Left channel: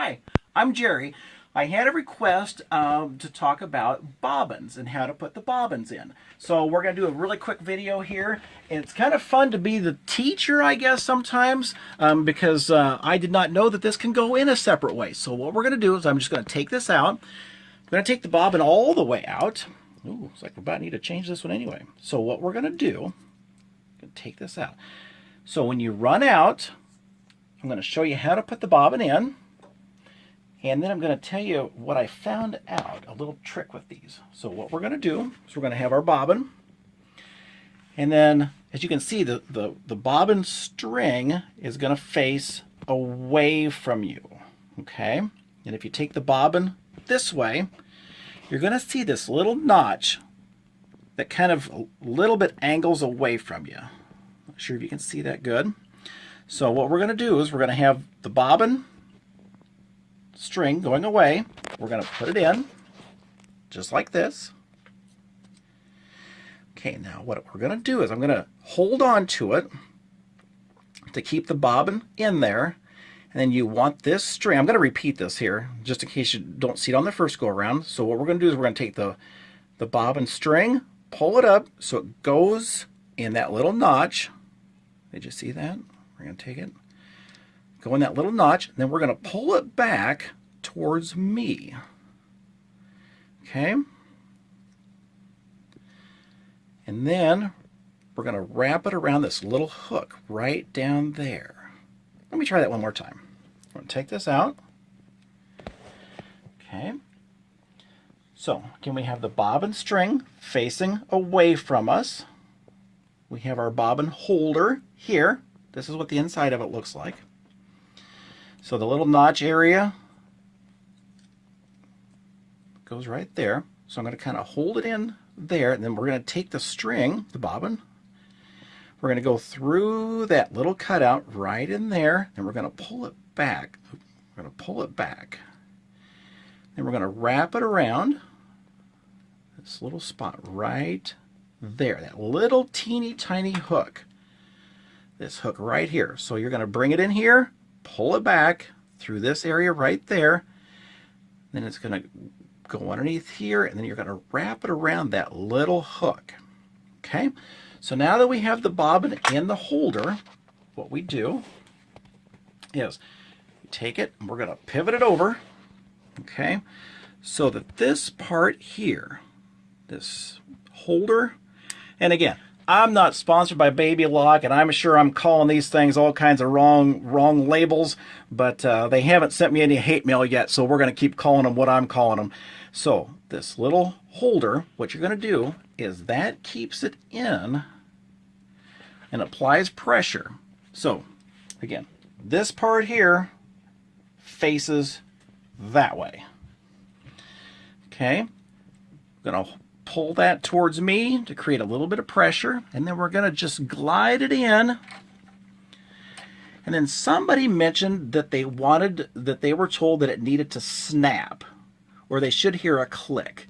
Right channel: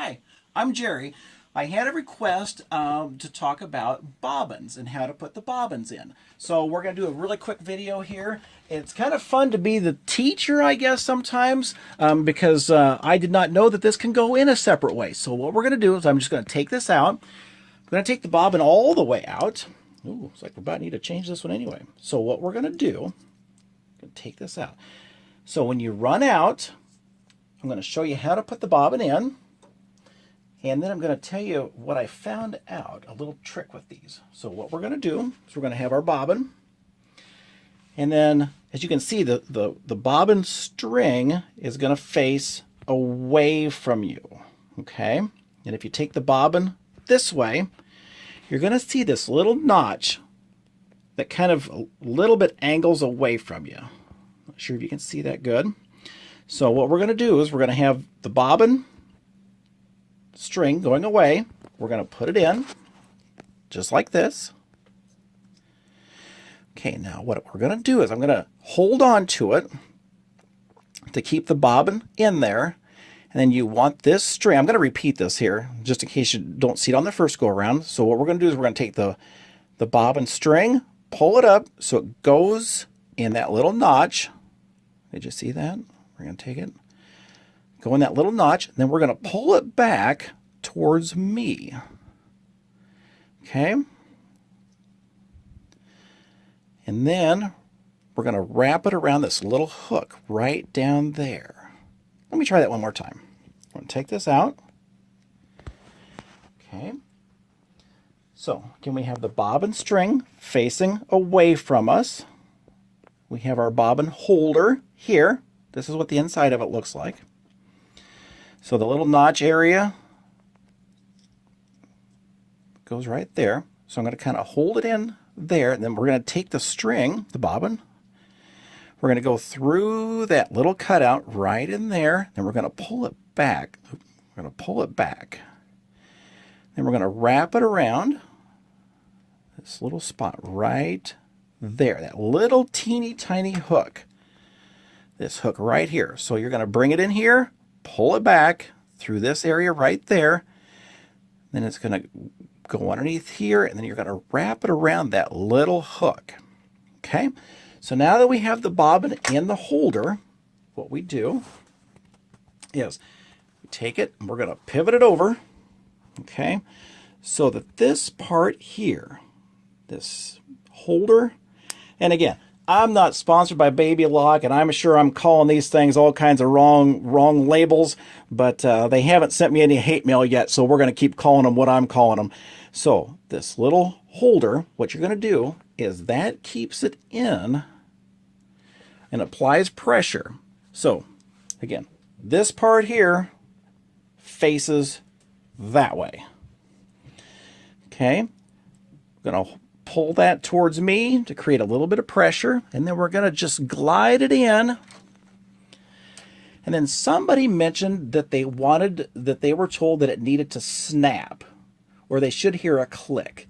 Hi, I'm Jerry. I had a request to talk about bobbins and how to put the bobbins in. So we're going to do a really quick video here. It's kind of fun to be the teacher, I guess, sometimes, because I did not know that this can go in a separate way. So what we're going to do is I'm just going to take this out. I'm going to take the bobbin all the way out. Ooh, looks like we're about to need to change this one anyway. So what we're going to do, I'm going to take this out. So when you run out, I'm going to show you how to put the bobbin in. And then I'm going to tell you what I found out, a little trick with these. So what we're going to do is we're going to have our bobbin. And then, as you can see, the bobbin string is going to face away from you. Okay? And if you take the bobbin this way, you're going to see this little notch that kind of a little bit angles away from you. Not sure if you can see that good. So what we're going to do is we're going to have the bobbin string going away. We're going to put it in just like this. Okay, now what we're going to do is I'm going to hold on to it to keep the bobbin in there. And then you want this string. I'm going to repeat this here just in case you don't see it on the first go around. So what we're going to do is we're going to take the bobbin string, pull it up so it goes in that little notch. Did you see that? We're going to take it, go in that little notch, and then we're going to pull it back towards me. Okay? And then we're going to wrap it around this little hook right down there. Let me try that one more time. I'm going to take this out. Okay. So, again, we have the bobbin string facing away from us. We have our bobbin holder here. This is what the inside of it looks like. So the little notch area goes right there. So I'm going to kind of hold it in there, and then we're going to take the string, the bobbin, we're going to go through that little cutout right in there, and we're going to pull it back. We're going to pull it back. Then we're going to wrap it around this little spot right there, that little teeny tiny hook. This hook right here. So you're going to bring it in here, pull it back through this area right there. Then it's going to go underneath here, and then you're going to wrap it around that little hook. Okay? So now that we have the bobbin in the holder, what we do is we take it and we're going to pivot it over. Okay? So that this part here, this holder, and again, I'm not sponsored by Baby Lock, and I'm sure I'm calling these things all kinds of wrong labels, but they haven't sent me any hate mail yet, so we're going to keep calling them what I'm calling them. So this little holder, what you're going to do is that keeps it in and applies pressure. So again, this part here faces that way. Okay, I'm going to pull that towards me to create a little bit of pressure, and then we're going to just glide it in. And then somebody mentioned that they were told that it needed to snap, or they should hear a click.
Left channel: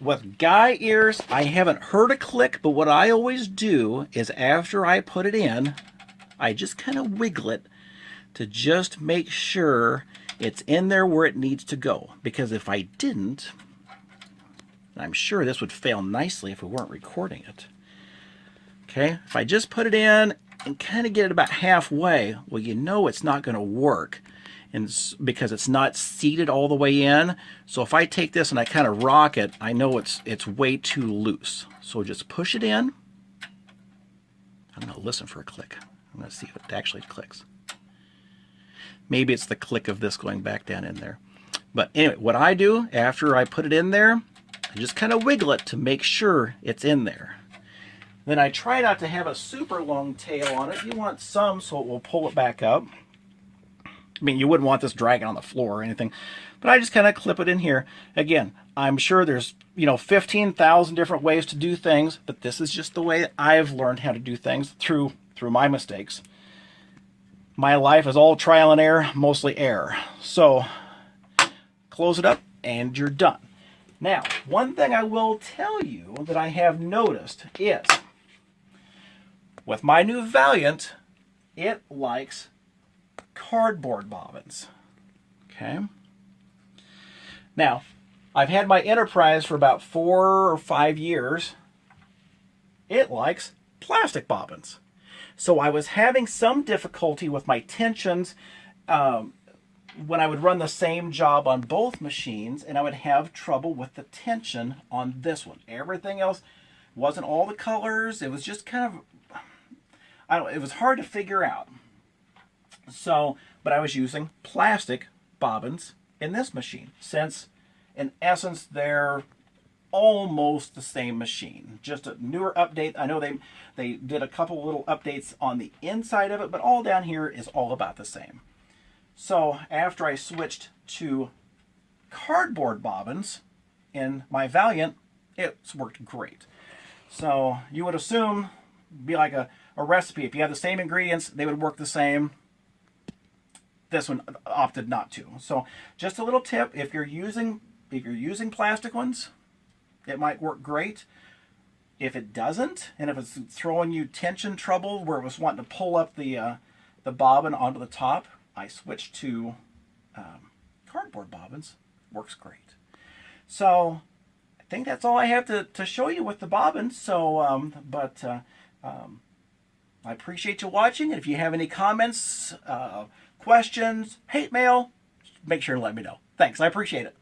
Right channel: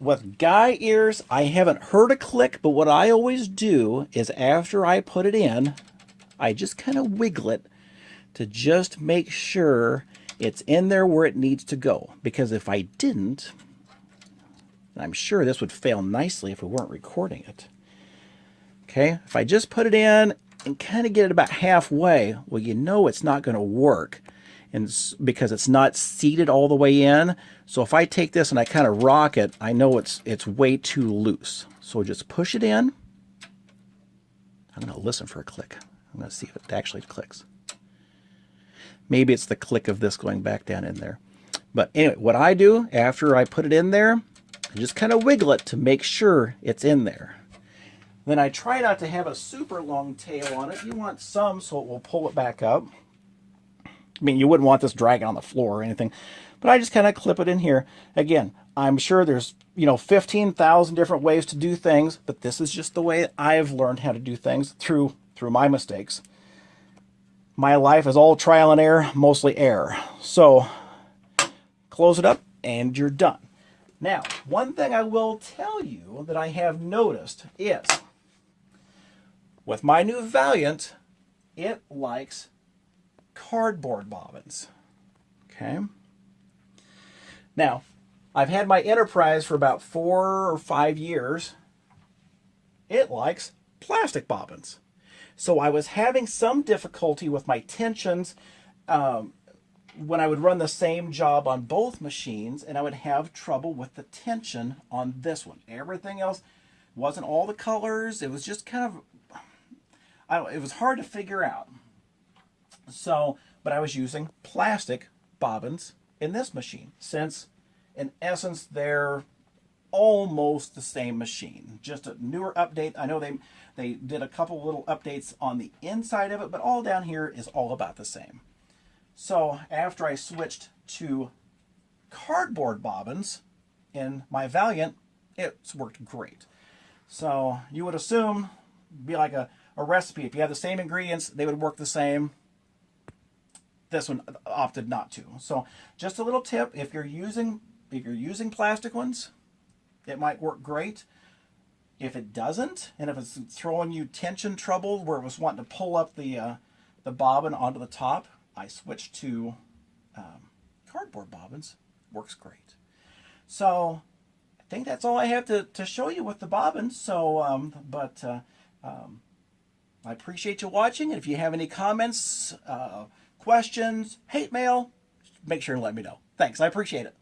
With guy ears, I haven't heard a click, but what I always do is after I put it in, I just kind of wiggle it to just make sure it's in there where it needs to go. Because if I didn't, I'm sure this would fail nicely if we weren't recording it. Okay, if I just put it in and kind of get it about halfway, well, you know it's not going to work, and because it's not seated all the way in. So if I take this and I kind of rock it, I know it's way too loose. So just push it in. I'm going to listen for a click. I'm going to see if it actually clicks. Maybe it's the click of this going back down in there. But anyway, what I do after I put it in there, I just kind of wiggle it to make sure it's in there. Then I try not to have a super long tail on it. You want some so it will pull it back up. I mean, you wouldn't want this dragging on the floor or anything, but I just kind of clip it in here. Again, I'm sure there's 15,000 different ways to do things, but this is just the way I've learned how to do things through my mistakes. My life is all trial and error, mostly error. So close it up and you're done. Now, one thing I will tell you that I have noticed is with my new Valiant, it likes cardboard bobbins. Okay. Now, I've had my Enterprise for about 4 or 5 years. It likes plastic bobbins. So I was having some difficulty with my tensions when I would run the same job on both machines, and I would have trouble with the tension on this one. Everything else wasn't all the colors. It was just kind of, it was hard to figure out. So, but I was using plastic bobbins in this machine, since in essence they're almost the same machine, just a newer update. I know they did a couple little updates on the inside of it, but all down here is all about the same. So after I switched to cardboard bobbins in my Valiant, it's worked great. So you would assume, be like a recipe, if you have the same ingredients, they would work the same. This one opted not to. So just a little tip, if you're using plastic ones, it might work great. If it doesn't, and if it's throwing you tension trouble where it was wanting to pull up the bobbin onto the top, I switched to cardboard bobbins. Works great. So I think that's all I have to show you with the bobbins. So, I appreciate you watching. And if you have any comments, questions, hate mail, make sure to let me know. Thanks. I appreciate it.